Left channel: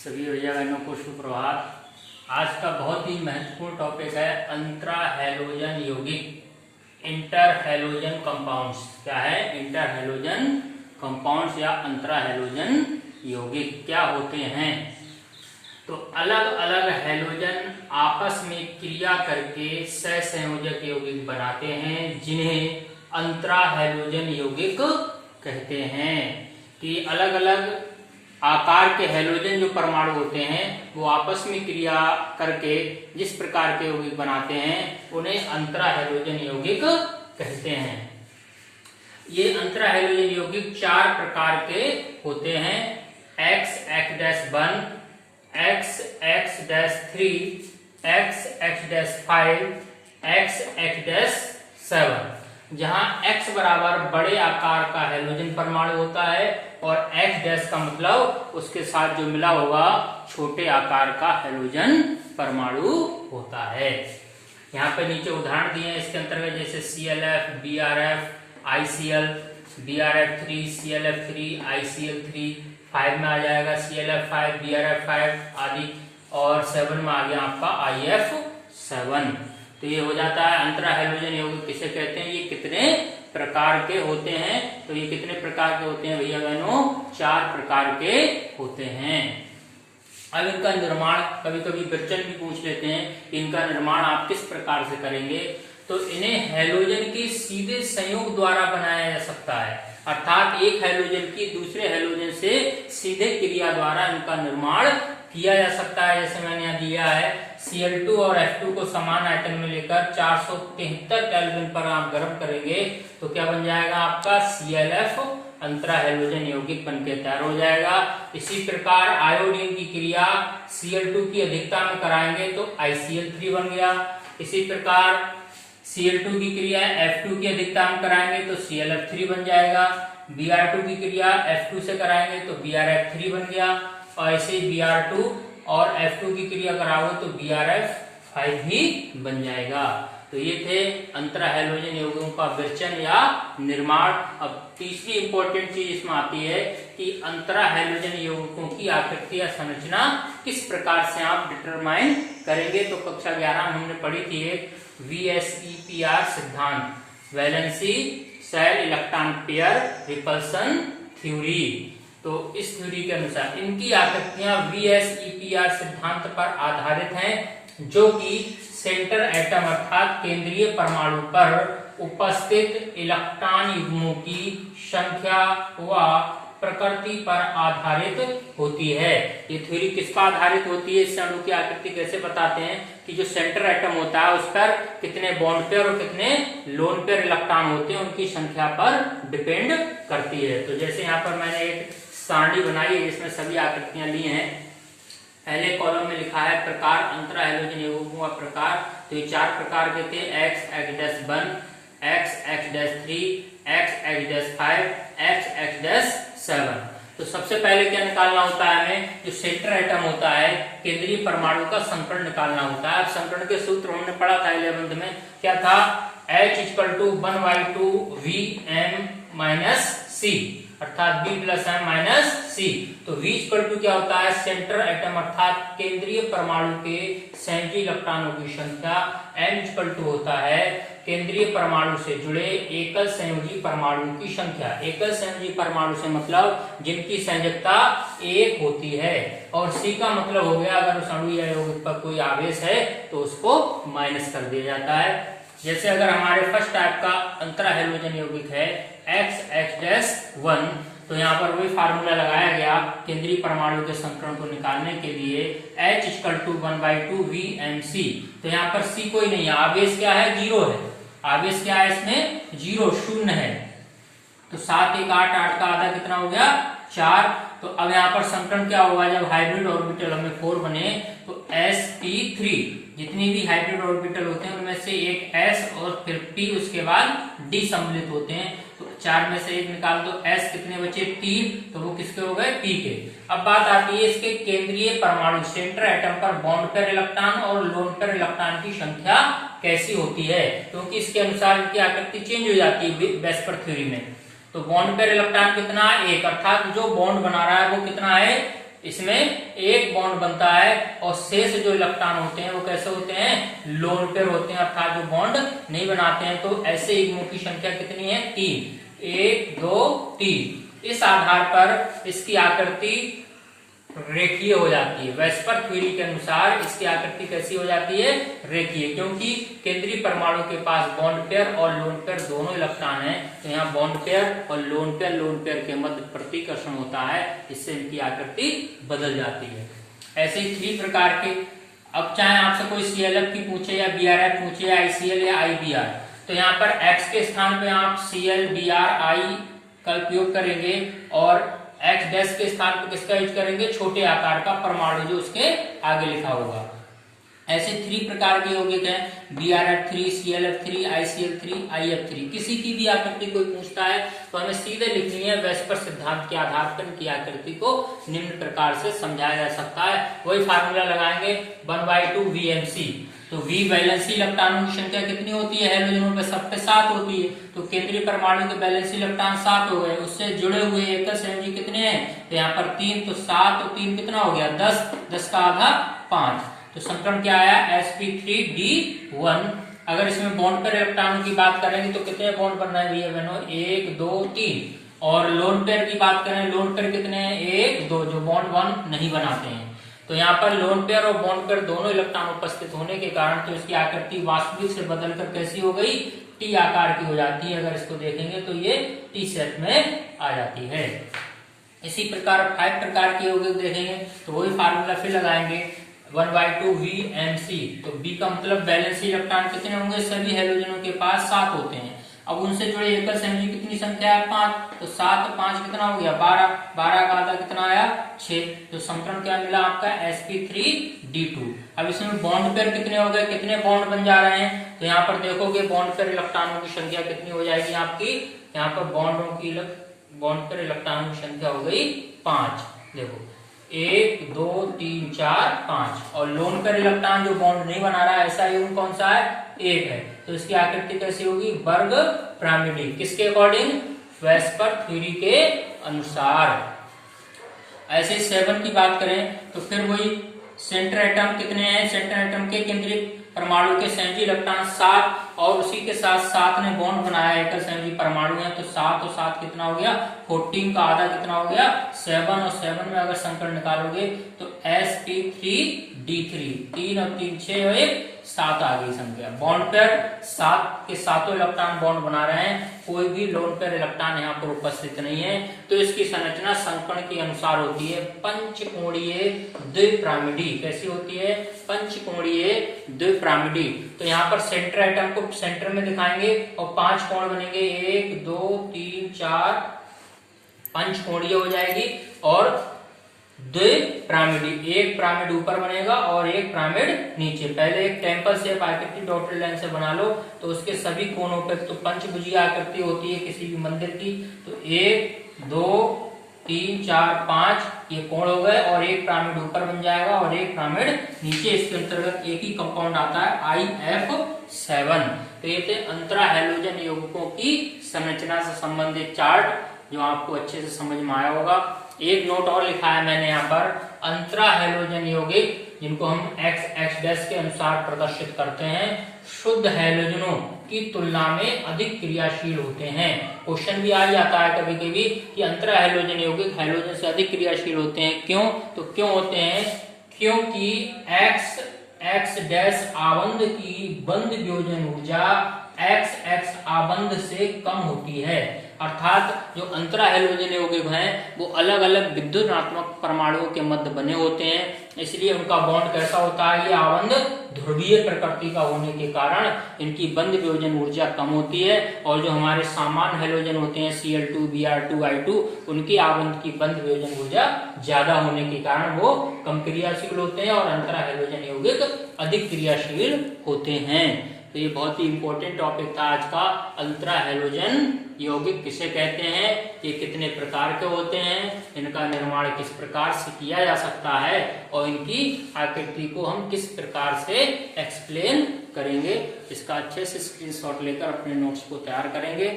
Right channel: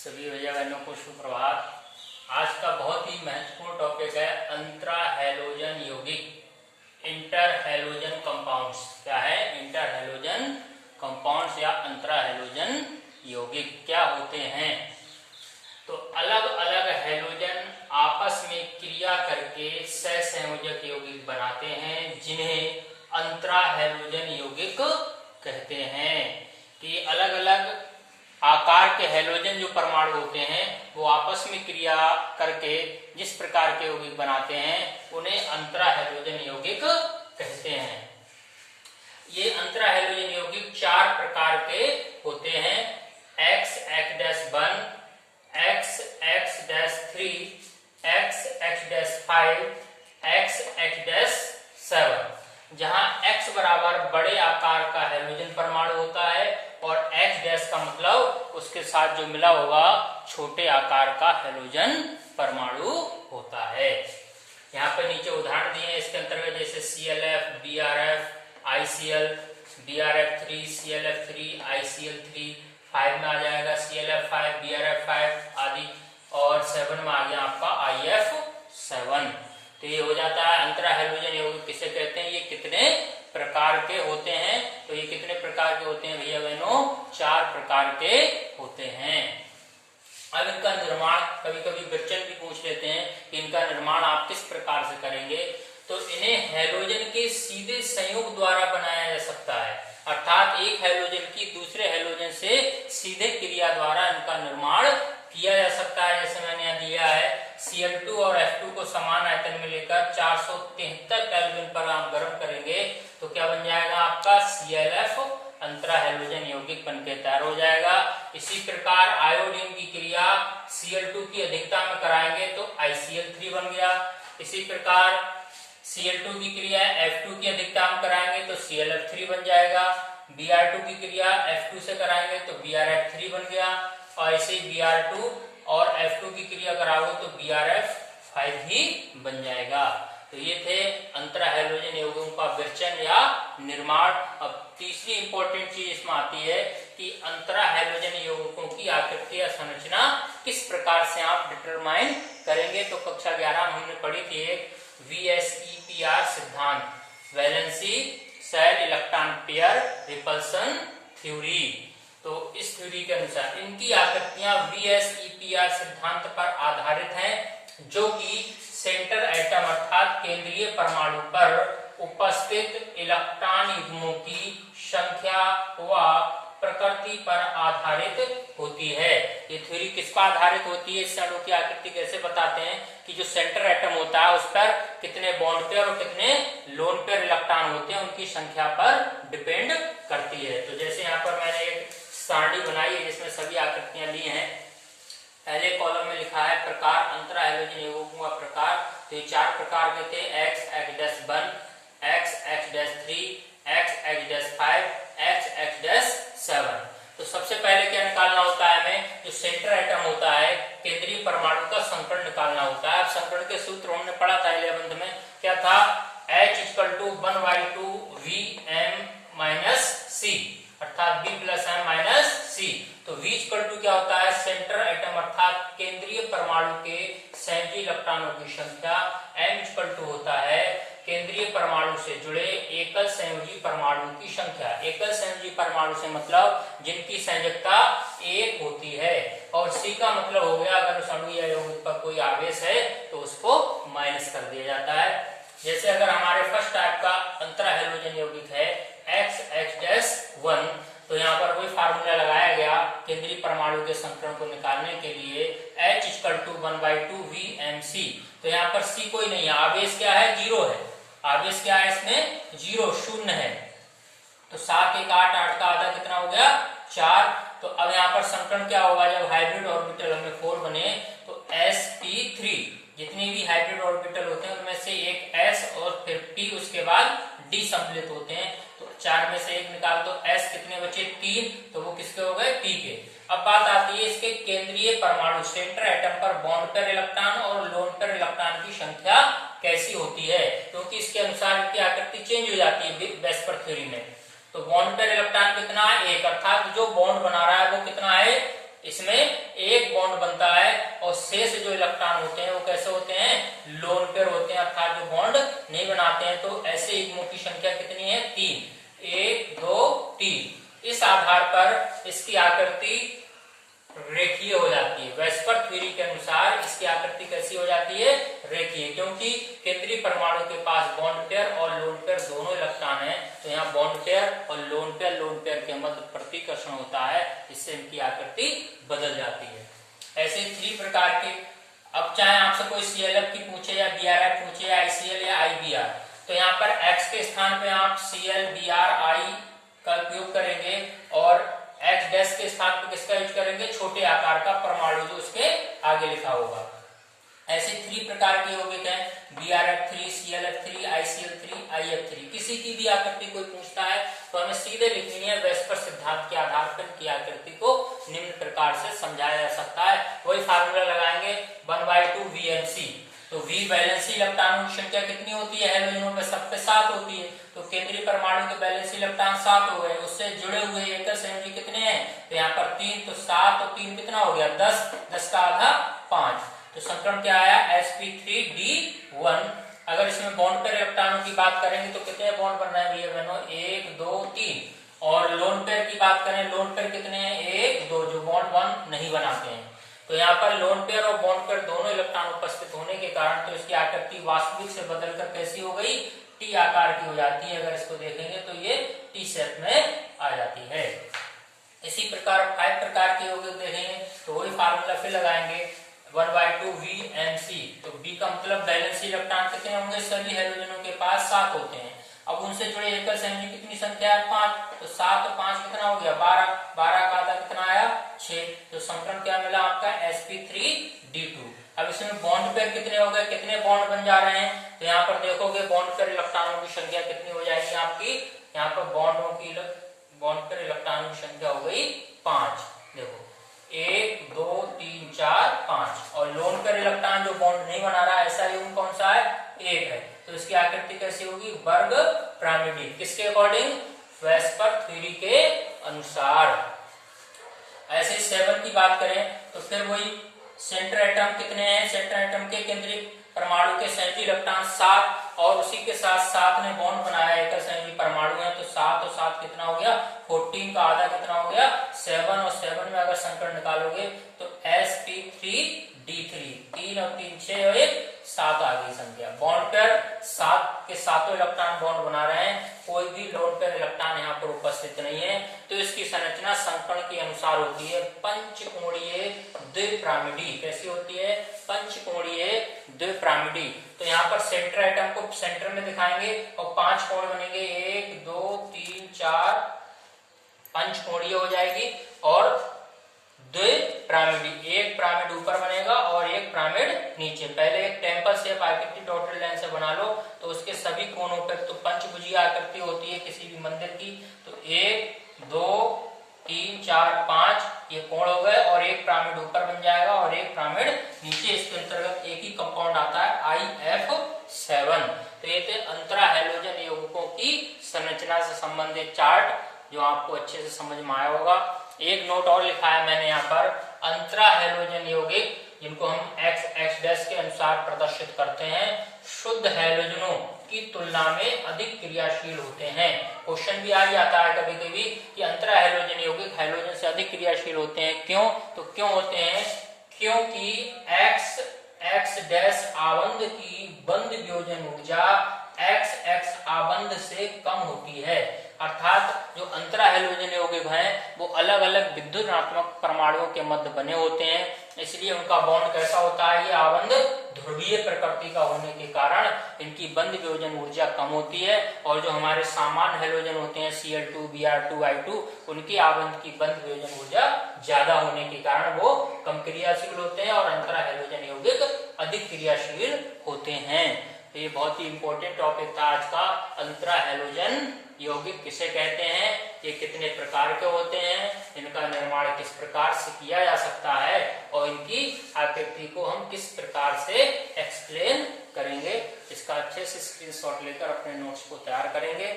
सभी भैया बहनों को सुप्रभात। आज का बहुत ही महत्वपूर्ण टॉपिक है अंतरा हैलोजन यौगिक, इंटर हैलोजन कंपाउंड्स। क्या है? इंटर हैलोजन कंपाउंड्स या अंतरा हैलोजन यौगिक क्या होते हैं? तो अलग अलग हैलोजन आपस में क्रिया करके सहसंयोजक यौगिक बनाते हैं, जिन्हें अंतरा हैलोजन यौगिक कहते हैं। कि अलग अलग आकार के हैलोजन जो परमाणु होते हैं वो आपस में क्रिया करके जिस प्रकार के यौगिक बनाते हैं उन्हें अंतरा हैलोजन यौगिक कहते हैं। ये अंतरा हैलोजन यौगिक 4 प्रकार के होते हैं। X(X'1), X(X'3), X(X'5), X(X'7। जहां X बराबर बड़े आकार का हैलोजन परमाणु होता है और X' का मतलब उसके साथ जो मिला हुआ छोटे आकार का हैलोजन परमाणु होता है। यहाँ पे नीचे उदाहरण दिए हैं इसके अंतर्गत, जैसे ClF, BrF, ICl, BrF3, ClF3, ICl3, 5 में आ जाएगा ClF5, BrF5 आदि, और 7 में आ गया आपका IF7। तो ये हो जाता है अंतरा हैलोजन यौगिक किसे कहते हैं। ये कितने प्रकार के होते हैं? तो ये कितने प्रकार के होते हैं भैया बहनों? 4 प्रकार के होते हैं। अब इनका निर्माण कभी कभी क्वेश्चन भी पूछ लेते हैं, इनका निर्माण आप किस प्रकार से करेंगे। तो इन्हें हैलोजन के सीधे संयोग द्वारा बनाया जा सकता है, अर्थात एक हैलोजन की दूसरे हैलोजन से सीधे क्रिया द्वारा इनका निर्माण किया जा सकता है। जैसे मैंने यहाँ दिया है Cl2 और F2 को समान आयतन में लेकर 473 केल्विन पर आप गर्म करेंगे तो क्या बन जाएगा आपका ClF अंतरा हैलोजन यौगिक बनके तैयार हो जाएगा। इसी प्रकार आयोडीन की क्रिया Cl2 की अधिकता में कराएंगे तो ICl3 बन गया। इसी प्रकार Cl2 की क्रिया F2 की अधिकता में कराएंगे तो ClF3 बन जाएगा। Br2 की क्रिया F2 से कराएंगे तो BrF3 बन गया, और ऐसे Br2 और F2 की क्रिया कराओगे तो BrF5 भी बन जाएगा। तो ये थे अंतरा हैलोजन यौगिकों का विरचन या निर्माण। अब तीसरी इंपॉर्टेंट चीज इसमें आती है कि अंतरा हैलोजन यौगिकों की आकृति या संरचना किस प्रकार से आप डिटरमाइन करेंगे। तो कक्षा 11 में हमने पढ़ी थी VSEPR सिद्धांत, valency shell electron pair repulsion theory. तो इस थ्योरी के अनुसार इनकी आकृतियां VSEPR सिद्धांत पर आधारित हैं, जो कि सेंटर एटम अर्थात केंद्रीय परमाणु पर उपस्थित इलेक्ट्रॉन युग्मों की संख्या व प्रकृति पर आधारित होती है। ये थ्योरी किस पर आधारित होती है? इस अणु की आकृति कैसे बताते हैं कि जो सेंटर एटम होता है उस पर कितने बॉन्ड पेयर और कितने लोन पेयर इलेक्ट्रॉन होते हैं उनकी संख्या पर डिपेंड करती है। तो जैसे यहाँ पर मैंने एक सारणी बनाई है जिसमें सभी आकृतियां ली हैं। पहले कॉलम में लिखा है प्रकार अंतरा हैलोजन यौगिकों का प्रकार। तो ये 4 प्रकार के थे, X(X'1), X(X'3), X(X'5), X(X'7). तो सबसे पहले क्या निकालना होता है हमें? जो सेंटर एटम होता है केंद्रीय परमाणु का संकरण निकालना होता है। अब संकरण के सूत्र हमने पढ़ा था 11th में, क्या था? H=1/2 Vm-C, अर्थात B+M-C। तो V क्या होता है? सेंटर एटम अर्थात केंद्रीय परमाणु के संयोजी इलेक्ट्रॉनों की संख्या। M होता है केंद्रीय परमाणु से जुड़े एकल संयोजी परमाणु की संख्या। एकल संयोजी परमाणु से मतलब जिनकी संयोजकता 1 होती है, और C का मतलब हो गया अगर उस अणु या यौगिक पर कोई आवेश है तो उसको माइनस कर दिया जाता है। जैसे अगर हमारे फर्स्ट टाइप का अंतरा हैलोजन यौगिक है X(X'1), तो यहाँ पर वही फार्मूला लगाया गया केंद्रीय परमाणु के संकरण को निकालने के लिए, H=1/2 Vm-C। तो यहाँ पर C कोई नहीं है, आवेश क्या है? 0 है। आवेश क्या है इसमें? 0, शून्य है। तो 7 1 8, 8 का आधा कितना हो गया? 4। तो अब यहाँ पर संकरण क्या होगा? जब हाइब्रिड ऑर्बिटल हमें 4 बने तो sp3, जितनी भी हाइब्रिड ऑर्बिटल होते हैं उनमें से एक s और फिर p उसके बाद d सम्मिलित होते हैं। तो 4 में से 1 निकाल दो, s कितने बचे? 3, तो वो किसके हो गए? p के। अब बात आती है इसके केंद्रीय परमाणु सेंटर एटम पर बॉन्ड पेयर इलेक्ट्रॉन और लोन पेयर इलेक्ट्रॉन की संख्या कैसी होती है, क्योंकि इसके अनुसार इनकी आकृति चेंज हो जाती है वेस्पर थ्योरी में। तो बॉन्ड पेयर इलेक्ट्रॉन कितना है? 1, अर्थात जो बॉन्ड बना रहा है वो कितना है? इसमें एक बॉन्ड बनता है और शेष जो इलेक्ट्रॉन होते हैं वो कैसे होते हैं, लोन पेयर होते हैं, अर्थात जो बॉन्ड नहीं बनाते हैं। तो ऐसे युग्मों की संख्या कितनी है, 3, 1 2 3। इस आधार पर इसकी आकृति रेखीय हो जाती है। वेस्पर थ्योरी के अनुसार इसकी आकृति कैसी हो जाती है, रेखीय, क्योंकि केंद्रीय परमाणु के पास बॉन्ड पेयर और लोन पेयर दोनों इलेक्ट्रॉन हैं। तो यहाँ बॉन्ड पेयर और लोन पेयर के मध्य प्रतिकर्षण होता है, इससे इनकी आकृति बदल जाती है। ऐसे ही 3 प्रकार के, अब चाहे आपसे कोई CLF की पूछे या BRF पूछे या ICL या IBR, तो यहाँ पर X के स्थान पे आप Cl Br I का उपयोग करेंगे और X डैश के स्थान पर किसका यूज करेंगे, छोटे आकार का परमाणु जो उसके आगे लिखा होगा। ऐसे 3 प्रकार के यौगिक हैं, BrF3, ClF3, ICl3, IF3। किसी की भी आकृति कोई पूछता है तो हमें सीधे लिखनी है। वेस्पर सिद्धांत के आधार पर इनकी आकृति को निम्न प्रकार से समझाया जा सकता है। वही फार्मूला लगाएंगे 1/2 VMC। तो V वैलेंसी इलेक्ट्रॉनों की संख्या कितनी होती है, हैलोजनों पे सब पे 7 होती है। तो केंद्रीय परमाणु के वैलेंसी इलेक्ट्रॉन 7 हो गए, उससे जुड़े हुए एकल संयोजी कितने हैं, तो यहाँ पर 3, तो 7 और 3 कितना हो गया, 10, 10 का आधा 5। तो समीकरण क्या आया, sp3d1। अगर इसमें बॉन्ड पर इलेक्ट्रॉनों की बात करेंगे तो कितने बॉन्ड बन रहे हैं भैया बहनों, 1 2 3। और लोन पेयर की बात करें, लोन पेयर कितने हैं, 1 2, जो बॉन्ड 1 नहीं बनाते हैं। तो यहाँ पर लोन पेयर और बॉन्ड पेयर दोनों इलेक्ट्रॉन उपस्थित होने के कारण तो इसकी आकृति वास्तविक से बदलकर कैसी हो गई, टी आकार की हो जाती है। अगर इसको देखेंगे तो ये टी शेप में आ जाती है। इसी प्रकार 5 प्रकार के यौगिक देखेंगे तो वही फार्मूला फिर लगाएंगे 1/2 VMC। तो B का मतलब वैलेंसी इलेक्ट्रॉन कितने होंगे, सभी हैलोजनों के पास 7 होते हैं। अब उनसे जुड़े एकल संयोजी कितनी संख्या है, 5। तो 7 और 5 कितना हो गया, 12, 12 का आधा कितना आया, 6। तो समीकरण क्या मिला आपका, sp3d2। अब इसमें बॉन्ड पेयर कितने हो गए, कितने बॉन्ड बन जा रहे हैं, तो यहाँ पर देखोगे बॉन्ड पेयर इलेक्ट्रॉनों की संख्या कितनी हो जाएगी आपकी, यहाँ पर बॉन्ड पेयर इलेक्ट्रॉनों की संख्या हो गई 5। देखो 1 2 3 4 5। और लोन पेयर इलेक्ट्रॉन जो बॉन्ड नहीं बना रहा है, ऐसा युग्म कौन सा है, 1 है। तो इसकी आकृति कैसी होगी, वर्ग पिरामिडी। किसके अकॉर्डिंग, वेस्पर थ्योरी के अनुसार। ऐसे ही 7 की बात करें तो फिर वही सेंटर एटम कितने हैं, सेंटर एटम के केंद्रीय परमाणु के संयोजी इलेक्ट्रॉन 7 और उसी के साथ 7 ने बॉन्ड बनाया, एकल संयोजी परमाणु है। तो 7 और 7 कितना हो गया, 14 का आधा कितना हो गया, 7। और 7 में अगर संकलन निकालोगे तो sp3d3, 3 और 3 6 और 1 7 आ गई संख्या। बॉन्ड पेयर 7 के सातों इलेक्ट्रॉन बॉन्ड बना रहे हैं, कोई भी लोन पेयर इलेक्ट्रॉन यहाँ पर उपस्थित नहीं है। तो इसकी संरचना संकरण के अनुसार होती है पंचकोणीय द्विपिरामिडी। कैसी होती है, पंचकोणीय द्विपिरामिडी। तो यहाँ पर सेंटर एटम को सेंटर में दिखाएंगे और 5 कोण बनेंगे, 1 2 3 4, पंचकोणीय हो जाएगी। और द्विपिरामिडी, एक पिरामिड ऊपर बनेगा और एक पिरामिड नीचे। पहले एक टेम्पल शेप आकृति डॉटेड लाइन से बना लो तो उसके सभी कोनों पे तो पंचभुजीय आकृति होती है किसी भी मंदिर की। तो 1 2 3 4 5 ये कोण हो गए और एक पिरामिड ऊपर बन जाएगा और एक पिरामिड नीचे। इसके अंतर्गत एक ही कंपाउंड आता है IF7। तो ये थे अंतरा हैलोजन यौगिकों की संरचना से संबंधित चार्ट, जो आपको अच्छे से समझ में आया होगा। एक नोट और लिखा है मैंने यहाँ पर, अंतरा हैलोजन यौगिक जिनको हम X के अनुसार प्रदर्शित करते हैं, शुद्ध हैलोजनों की तुलना में अधिक क्रियाशील होते हैं। क्वेश्चन भी आ जाता है कभी कभी कि अंतरा हैलोजन यौगिक हैलोजन से अधिक क्रियाशील होते हैं, क्यों? तो क्यों होते हैं, क्योंकि X आबंध की बंध वियोजन ऊर्जा XX आबंध से कम होती है। अर्थात जो अंतरा हैलोजन यौगिक हैं वो अलग अलग विद्युत ऋणात्मक परमाणुओं के मध्य बने होते हैं, इसलिए उनका बॉन्ड कैसा होता है, ये आबंध ध्रुवीय प्रकृति का होने के कारण इनकी बंध वियोजन ऊर्जा कम होती है। और जो हमारे सामान्य हैलोजन होते हैं Cl2 Br2 I2, उनकी आबंध की बंध वियोजन ऊर्जा ज्यादा होने के कारण वो कम क्रियाशील होते हैं और अंतरा हैलोजन यौगिक अधिक क्रियाशील होते हैं। तो ये बहुत ही इंपॉर्टेंट टॉपिक था आज का, अंतरा हैलोजन यौगिक किसे कहते हैं, ये कितने प्रकार के होते हैं, इनका निर्माण किस प्रकार से किया जा सकता है और इनकी आकृति को हम किस प्रकार से एक्सप्लेन करेंगे। इसका अच्छे से स्क्रीनशॉट लेकर अपने नोट्स को तैयार करेंगे।